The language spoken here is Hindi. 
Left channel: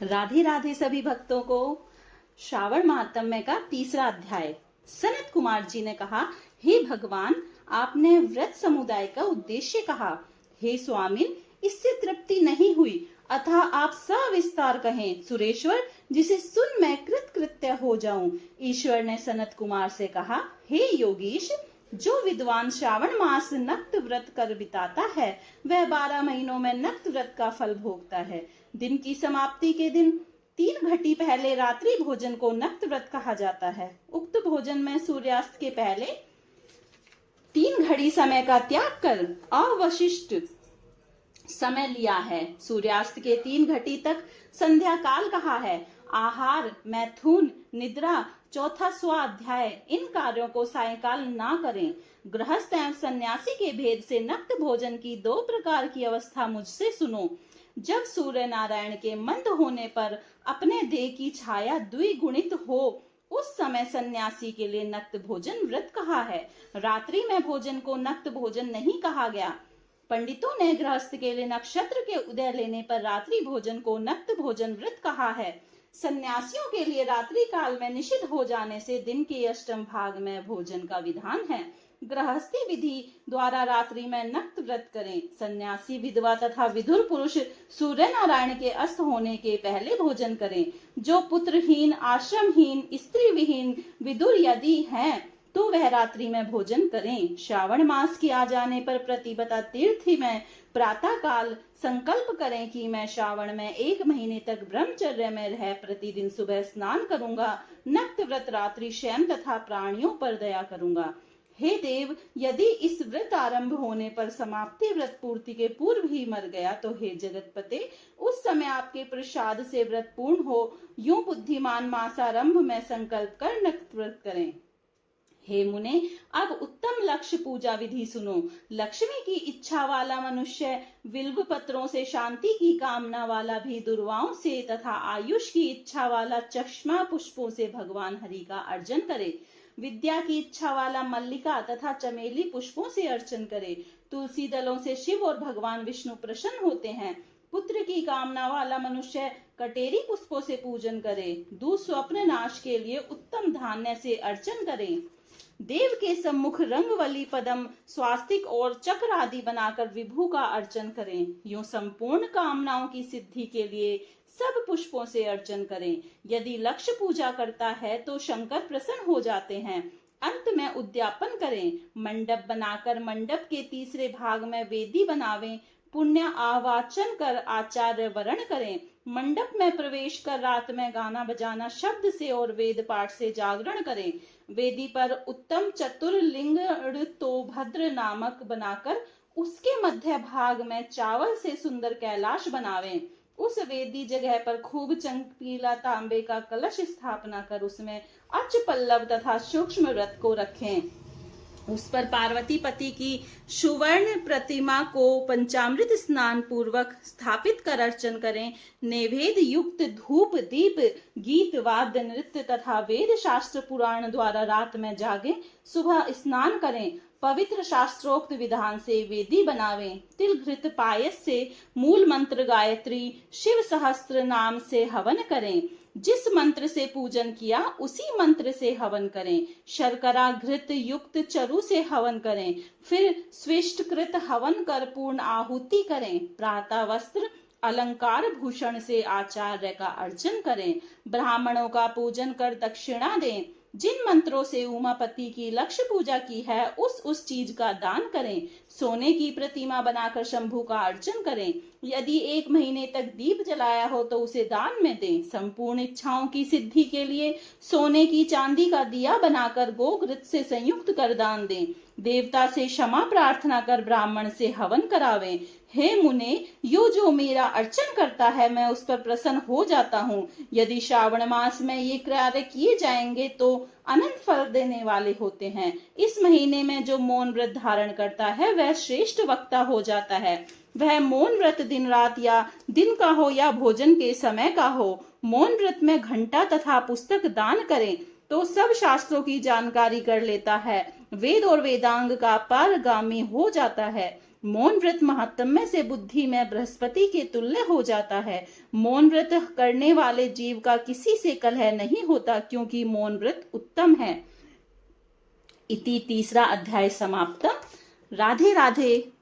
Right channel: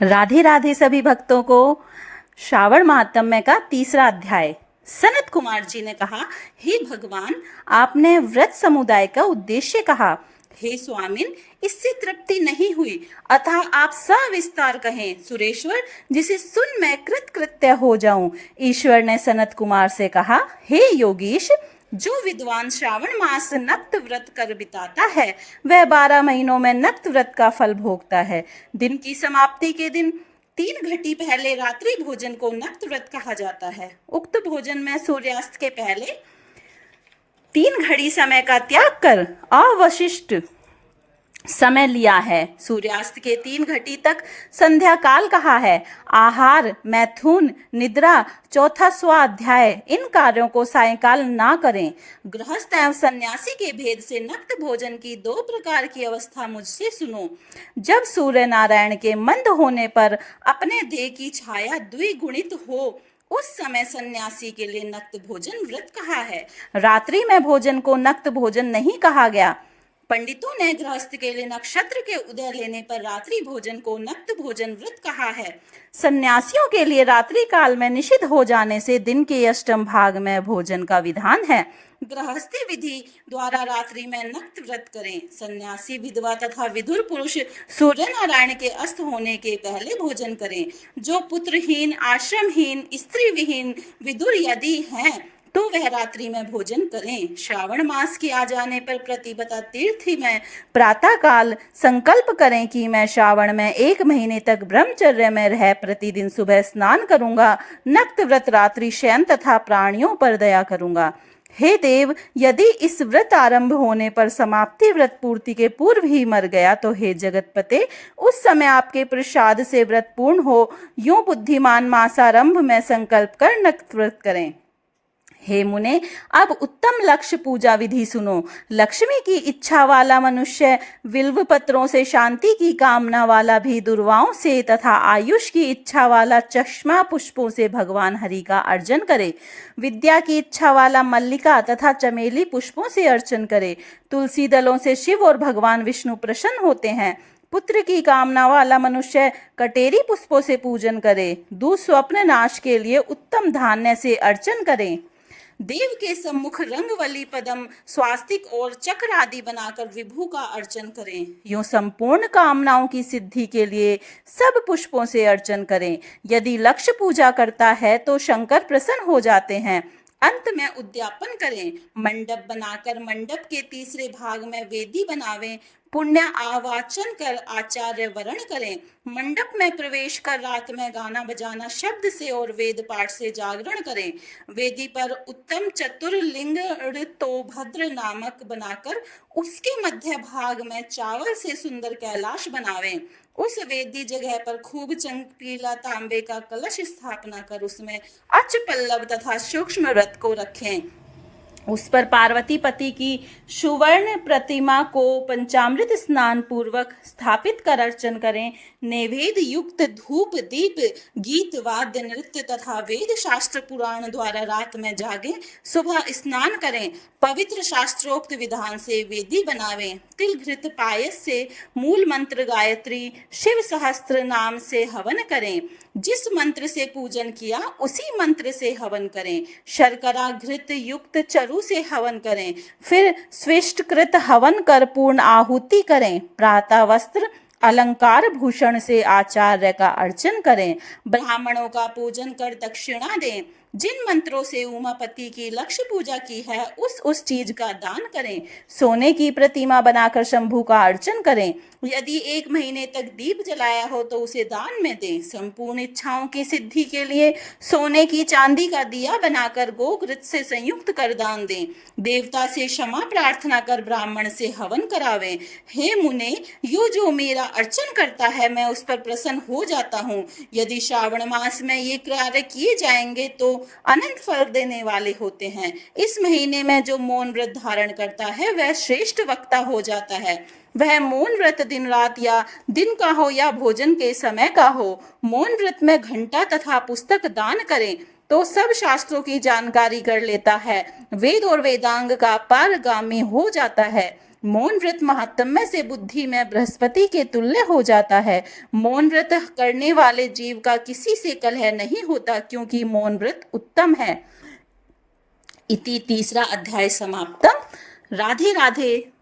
राधे राधे सभी भक्तों को। श्रावण महात्म्य का तीसरा अध्याय। सनत कुमार जी ने कहा, हे भगवान, आपने व्रत समुदाय का उद्देश्य कहा। हे स्वामिन, इससे तृप्ति नहीं हुई, अतः आप सविस्तार कहें। सुरेश्वर, जिसे सुन मैं कृतकृत्य हो जाऊं। ईश्वर ने सनत कुमार से कहा, हे योगीश, जो विद्वान श्रावण मास नक्त व्रत कर बिताता है वह 12 महीनों में नक्त व्रत का फल भोगता है। दिन की समाप्ति के दिन 3 घटी पहले रात्रि भोजन को नक्त व्रत कहा जाता है। उक्त भोजन में सूर्यास्त के पहले 3 घड़ी समय का त्याग कर अवशिष्ट समय लिया है। सूर्यास्त के 3 घटी तक संध्या काल कहा है। आहार, मैथुन, निद्रा, चौथा स्वाध्याय, इन कार्यों को सायंकाल ना करें। गृहस्थ एवं सन्यासी के भेद से नक्त भोजन की 2 प्रकार की अवस्था मुझसे सुनो। जब सूर्य नारायण के मंद होने पर अपने देह की छाया द्विगुणित हो, उस समय सन्यासी के लिए नक्त भोजन व्रत कहा है। रात्रि में भोजन को नक्त भोजन नहीं कहा गया। पंडितों ने गृहस्थ के लिए नक्षत्र के उदय लेने पर रात्रि भोजन को नक्त भोजन व्रत कहा है। सन्यासियों के लिए रात्रि काल में निषिद्ध हो जाने से दिन के अष्टम भाग में भोजन का विधान है। गृहस्थी विधि द्वारा रात्रि में नक्त व्रत करें। सन्यासी, विधवा तथा विधुर पुरुष सूर्य नारायण के अस्त होने के पहले भोजन करें। जो पुत्रहीन, आश्रमहीन, स्त्री विहीन विधुर यदि हैं तो वह रात्रि में भोजन करें। श्रावण मास के आ जाने पर प्रतिपदा तीर्थी में प्रातः काल संकल्प करें कि मैं श्रावण में 1 महीने तक ब्रह्मचर्य में रह प्रतिदिन सुबह स्नान करूंगा, नक्त व्रत रात्रि शयन तथा प्राणियों पर दया करूंगा। हे देव, यदि इस व्रत आरंभ होने पर समाप्ति व्रत पूर्ति के पूर्व ही मर गया तो हे जगतपते, उस समय आपके प्रसाद से व्रत पूर्ण हो। यूं बुद्धिमान मासारंभ में संकल्प कर नक्त व्रत करें। हे मुने, अब उत्तम लक्ष्य पूजा विधि सुनो। लक्ष्मी की इच्छा वाला मनुष्य बिल्व पत्रों से, शांति की कामना वाला भी दुर्वाओं से तथा आयुष की इच्छा वाला चश्मा पुष्पों से भगवान हरि का अर्चन करे। विद्या की इच्छा वाला मल्लिका तथा चमेली पुष्पों से अर्चन करे। तुलसी दलों से शिव और भगवान विष्णु प्रसन्न होते हैं। पुत्र की कामना वाला मनुष्य कटेरी पुष्पों से पूजन करे। दुस्वप्न नाश के लिए उत्तम धान्य से अर्चन करें। देव के सम्मुख रंगवली, पदम, स्वास्तिक और चक्र आदि बनाकर विभु का अर्चन करें। यूं संपूर्ण कामनाओं की सिद्धि के लिए सब पुष्पों से अर्चन करें। यदि लक्ष्य पूजा करता है तो शंकर प्रसन्न हो जाते हैं। अंत में उद्यापन करें। मंडप बनाकर मंडप के तीसरे भाग में वेदी बनावें। पुण्य आवाचन कर आचार्य वरण करें। मंडप में प्रवेश कर रात में गाना बजाना शब्द से और वेद पाठ से जागरण करें। वेदी पर उत्तम चतुर्लिंग तो भद्र नामक बनाकर उसके मध्य भाग में चावल से सुंदर कैलाश बनावें। उस वेदी जगह पर खूब चमकीला तांबे का कलश स्थापना कर उसमें अच पल्लव तथा सूक्ष्म रथ को रखें। उस पर पार्वती पति की सुवर्ण प्रतिमा को पंचामृत स्नान पूर्वक स्थापित कर अर्चन करें। नैवेद्य युक्त धूप, दीप, गीत, वाद्य, नृत्य तथा वेद शास्त्र पुराण द्वारा रात में जागे। सुबह स्नान करें। पवित्र शास्त्रोक्त विधान से वेदी बनावें। तिल घृत पायस से मूल मंत्र गायत्री, शिव सहस्त्र नाम से हवन करें। जिस मंत्र से पूजन किया उसी मंत्र से हवन करें। शर्करा घृत युक्त चरु से हवन करें। फिर स्विष्टकृत हवन कर पूर्ण आहुति करें। प्रातः वस्त्र, अलंकार, भूषण से आचार्य का अर्चन करें। ब्राह्मणों का पूजन कर दक्षिणा दें। जिन मंत्रों से उमापति की लक्ष्य पूजा की है उस चीज का दान करें। सोने की प्रतिमा बनाकर शंभु का अर्चन करें। यदि 1 महीने तक दीप जलाया हो तो उसे दान में दें। संपूर्ण इच्छाओं की सिद्धि के लिए सोने की चांदी का दिया बनाकर गोघृत से संयुक्त कर दान दें। देवता से क्षमा प्रार्थना कर ब्राह्मण से हवन करावें। हे मुने, जो मेरा अर्चन करता है मैं उस पर प्रसन्न हो जाता हूँ। यदि श्रावण मास में ये कार्य किए जाएंगे तो अनंत फल देने वाले होते हैं। इस महीने में जो मौन व्रत धारण करता है वह श्रेष्ठ वक्ता हो जाता है। वह मौन व्रत दिन रात या दिन का हो या भोजन के समय का हो। मौन व्रत में घंटा तथा पुस्तक दान करें तो सब शास्त्रों की जानकारी कर लेता है। वेद और वेदांग का पारगामी हो जाता है। मौन व्रत महात्म्य से बुद्धि में बृहस्पति के तुल्य हो जाता है। मौन व्रत करने वाले जीव का किसी से कलह नहीं होता, क्योंकि मौन व्रत उत्तम है। इति तीसरा अध्याय समाप्तम। राधे राधे।